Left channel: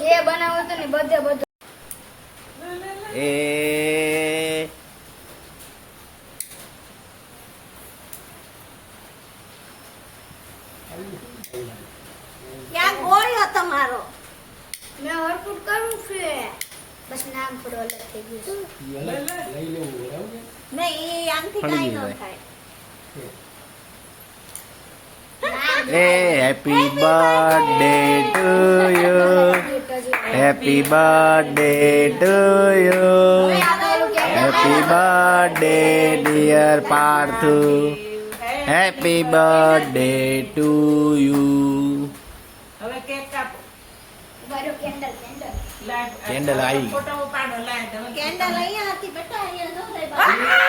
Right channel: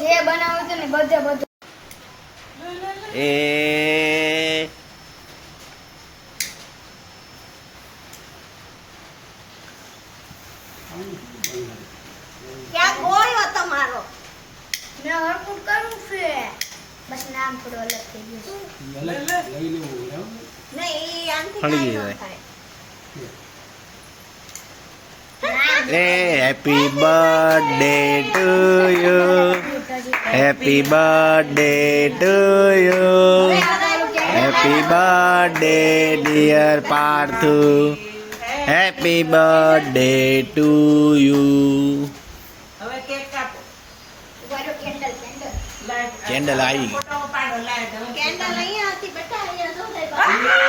જે બનાવું તો ને બધે બધું એ ક્યાં ગોળ્યો તમારો મેં વર્કઆઉટ કરું છે બસ નામ થોડું અલગ થઈ ગયું નહીં એ આમથી ફળી કાંઈ ન જાય. થાય. એ happy birthday to you happy birthday to you happy birthday dear Parthu happy birthday to you હવે કેક કાપો કેન્ડલ આવી ગઈ. કેન્ડલ અહીંયા હતી બેટા અહીંયા જો